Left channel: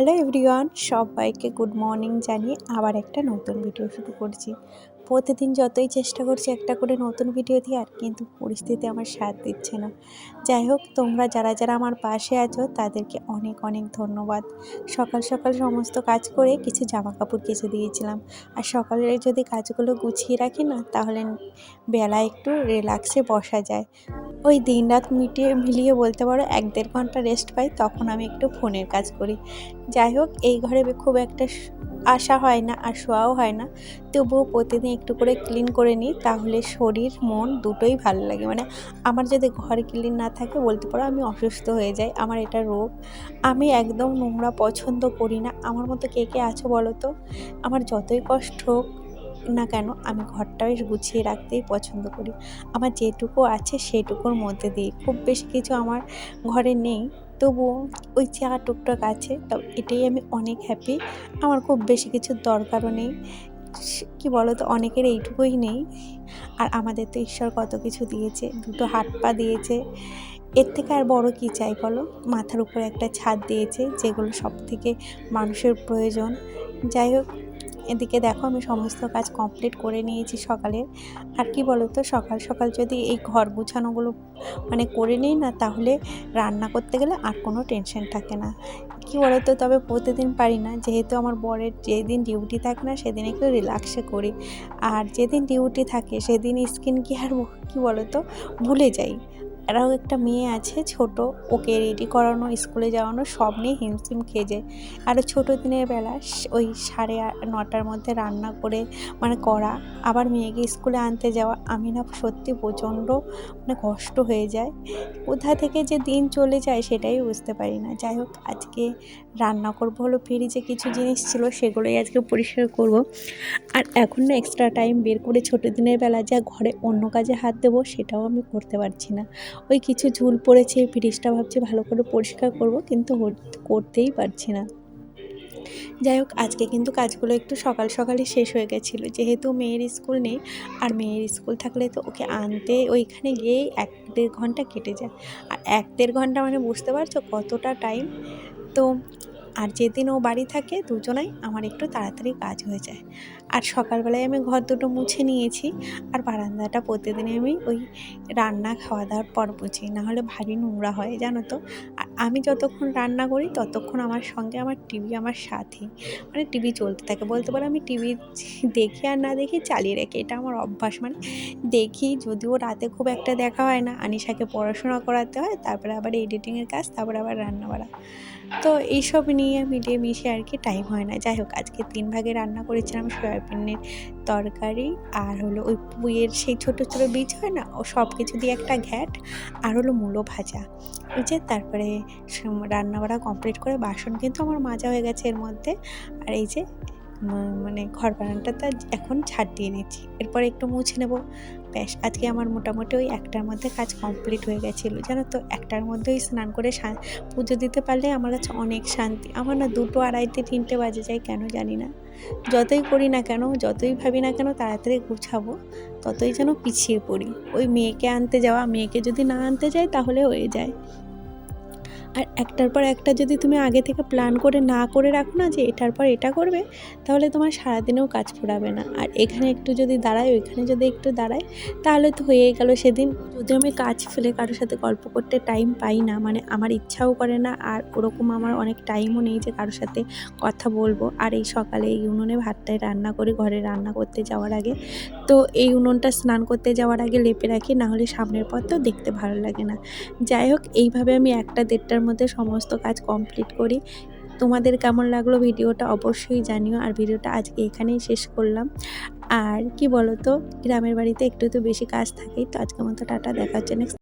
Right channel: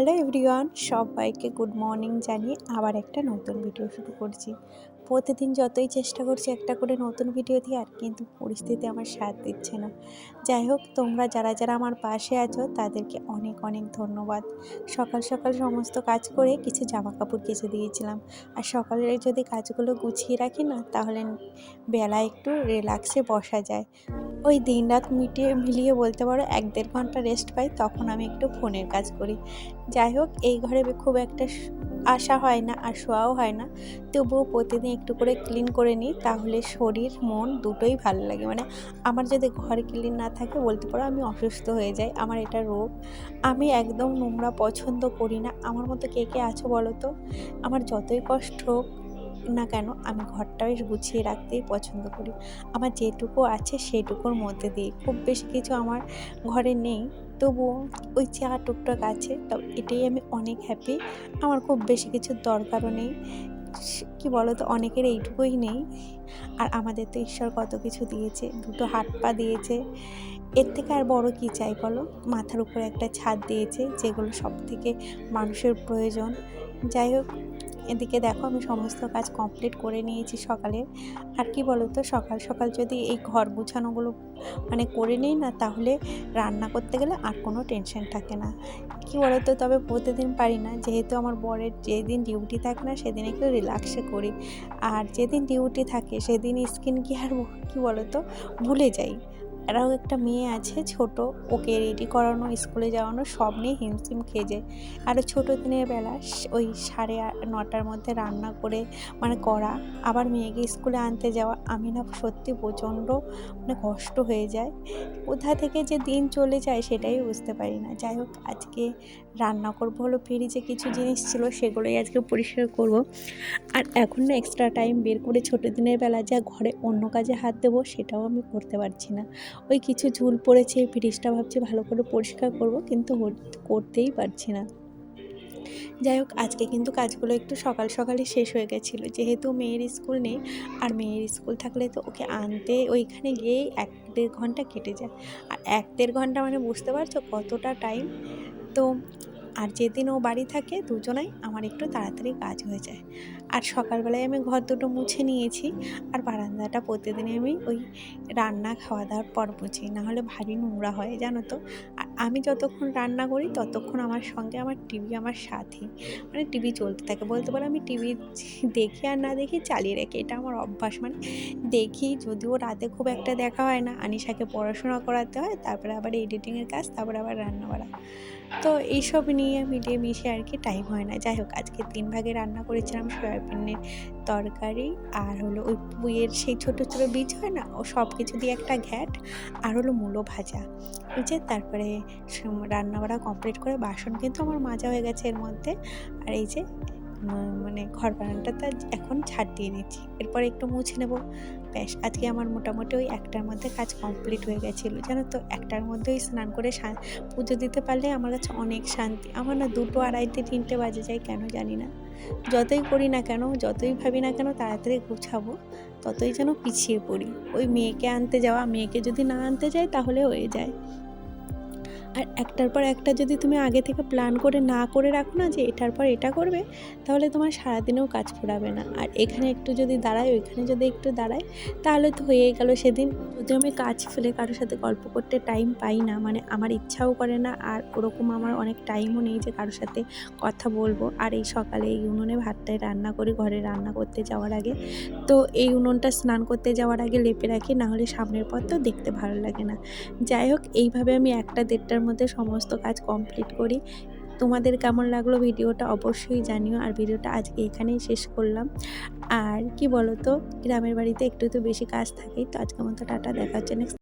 Hello everyone, সবাইকে good morning জানিয়ে আবার একটা নতুন ভিডিও শুরু করছি। প্রতিদিন যতই চেষ্টা করছি একটা করে নতুন ভিডিও দেওয়ার, কিন্তু পরিস্থিতি আমার সাথ দিচ্ছে না। যাই হোক, তোমরা যারা যারা আমার পাশে আছো, তাদেরকে অনেক অনেক ধন্যবাদ। সকাল সকাল সমস্ত কাজ করে কিছু জামা কাপড় কেচে দিয়েছিলাম। আর সকালে যদি কাজগুলো গুছিয়ে রাখি না, তাহলে বেলা একটু রিল্যাক্সে বসা যায়। ওই দিন রাত মিটিয়ে মিলিয়ে বলতে পারো এক দেড় ঘণ্টা রেস্ট পাই, তখন আমি একটু ফোনের কাজ করি। যাই হোক, এই ঘরে খুব একটা আসা হয় না আর শোয়াও হয় না। তবুও প্রতিদিন একটু করে ক্লিন করে নিই, তাহলে শরীর, মন দুটোই ভালো লাগে। মানে আমার যদি ঘর ক্লিন না থাকে, বলতে পারো আমি অসুস্থ হয়ে যাই, আমার এটা রোগ। আমি একদম নোংরা পছন্দ করি না। আমার মতো কে কে আছো বলো তো? আমার যতই কষ্ট হোক না কেন, আমি ঘরটা বেশ গুছিয়ে রাখতেই পছন্দ করি। আমার যেটুকু আছে সেটুকুর মধ্যে দিই। খুব বেশি কিছু আমার ঘরে নেই। তবুও ওই চা টুকটাক আছে, তো এটাই আমি অনেক হ্যাপি আমার খুব বেশি কিছুর দরকারও নেই। কি বলো তো অনেকের এইটুকুই নেই। আর আমাদের তো ঈশ্বর কত কিছু দিয়েছে, দুটো হাত পা দিয়েছে। এর থেকে আর বড় কী চাই বলো? মাথার উপরে একটা ছাদ দিয়েছে, যেগুলো সব থেকে মানুষের প্রয়োজন। যাই হোক এদিকে দেখো আমি সমস্ত কাজ কমপ্লিট করে নিয়েছি সকালে। আর কি বলো তো সকাল সকাল যদি এই ঘর গুছানোগুলো মানে করে নিই না, তাহলে রান্না করতে গেলে আর কোনো টেনশন থাকে না। কি বলো তো তবে প্রতিদিন পারি না। যেহেতু আমার বরের যেদিন ডিউটি থাকে না, সেদিন একটু রিল্যাক্সে করি। আর যেদিন ডিউটি থাকে, সেদিন স্কিন কেয়ার কি বলো তো ভুলে যাই। আরও একটা মেয়ে আছে, ছোট। ওকে রেডি করানো স্কুলে যাওয়ানো, সব নিয়ে হিমশিম খেয়ে যায়। আরও ছোটো দিনের বেলা ওই সাড়ে নটার মধ্যে রান্না করে মানে করা, আবার মেয়েকে স্কুলে আনতে যাওয়া, আমি না সত্যি প্রচণ্ড মানে কষ্ট হয়ে যায়। কোথা থেকে যে দিন চলে যায় সেটাই বুঝতে পারি না। যাই হোক, আজকে রান্না করব হলো ফ্রিজে কিছু জিনিস ছিল, সেগুলোই আজকে পরিষ্কার করব। আর এখন না এক্সট্রা টাইম বের করে ছোটো দিনের বেলা যা ঘরে অন্য কাজে হাত দেবো, সেটাও আমি করতে পারছি না। ওই কিছু ঝুল পড়েছে ফ্রিজটা ভাবছি ভালো করে পরিষ্কার করব, কিন্তু করতেই পারছি না। যাই হোক, আজকে কিন্তু কাজগুলো একটু সকাল সকালই শেষ হয়ে গেছিল। যেহেতু মেয়ের স্কুল নেই, আর মেয়ের স্কুল থাকলে তো ওকে আনতে ওইখানে গিয়েই এক দেড় ঘণ্টা কেটে যায়। আর এক দেড় ঘণ্টা মানে বুঝতে পারছ কতটা টাইম তো আর যেদিন ও বাড়ি থাকে, দুজনাই আমার একটু তাড়াতাড়ি কাজ হয়ে যায়। আর সকালবেলায় আমি ঘর দুটো মুছে নিয়েছি। আর বারান্দাটা প্রতিদিনই আমি ওই রান্না খাওয়া দাওয়ার পর বুঝি, নাহলে ভারী নোংরা হয়, জানো তো। আর আমি যতক্ষণ রান্না করি, ততক্ষণ আমার সঙ্গে আমার টিভি আমার সাথী মানে টিভি চলতে থাকে। বলতে পারো আমি টিভি দেখি আর না দেখি চালিয়ে রাখি। এটা আমার অভ্যাস। মানে দেখি যদিও রাতে খুব একটা দেখা হয় না, আনিশাকে পড়াশোনা করাতে হয়, তারপরে আবার এডিটিংয়ের কাজ, তারপরে আবার রান্না বাড়া তো এইসব নিয়ে মিলিয়ে মিশে আর কি টাইম হয় না। যাই হোক, আজকে তিন ভাগে রান্না করেছিলাম সয়াবিনের তরকারি আর হলো ওই পুইয়ের সেই ছোটো ছোটো বীজ হয় না, ও সব কিছু দিয়ে একটা ঘ্যাট আর হলো মূলো ভাজা। যে তারপরে সম- রান্নাবাড়া কমপ্লিট করে বাসন কিন্তু আমার মাজা হয়ে গেছে এর মধ্যে। আর এই যে মানে ঘর বানানটা বারান্দাটা এখন ছাড় দিয়ে নিচ্ছি। এরপর একটু মুছে নেব। ব্যাস আজকে আমার মোটামুটি ওই একটার মধ্যে কাজ কমপ্লিট হয়ে গেছিল। জানো তো, একটার মধ্যেই স্নান করে পুজো দিতে পারলে আমার কাছে অনেক শান্তি। আমার না দুটো আড়াইতে তিনটে বাজে যায়, কেন জানি না। যতই করি না কেন, যতই ভাবি না কেন, তাড়াতাড়ি গুছাবো, ততই যেন পিছিয়ে পড়ি। ওই মেয়েকে আনতে যাওয়া, মেয়েকে যদি না আনতে যাই তাহলে হয়ে যায়। আর একটার পর একটা যদি তুমি আগে থেকে প্ল্যান করে না করে রাখো না যে এটার পর এটা করবে, তাহলে তোমার সারাদিনেও কাজ ফুরাবে না। আর এখানে একটু যদি দাঁড়ায়, ওইখানে যদি একটু দাঁড়ায়, তাহলে তো হয়েই গেল সেদিন। যদি আমি কাজ ফেলে কারোর সাথে গল্প করতে টাইম পাই না মানে আমার ইচ্ছাও করে না, আর ওরকম আমার অনেক টাইমও নেই যে কারোর সাথে কথা বলব। আর এই সকালে এই উনুনে ভাতটাই রান্না করে, ঘরে রান্না করতে যাওয়ার আগে। তো এই উনুনটা স্নান করতে যাওয়ার আগে লেপে রাখি না হলে সামনের পর তো দেখতে ভালো লাগে না। যাই হোক, এইভাবে আমি একটা দেড়টার মধ্যে সমস্ত কাজ কমপ্লিট করি। তোমাদের কেমন লাগল ভিডিওটা অবশ্যই জানিও। আর ভিডিওটা আজকে এখানেই শেষ করলাম। আর কি বলো তো গ্রামের বাড়িতে একটু তো বেশি কাজ থাকেই, তো আজকের মতো টাটা, দেখা হচ্ছে নেক্সট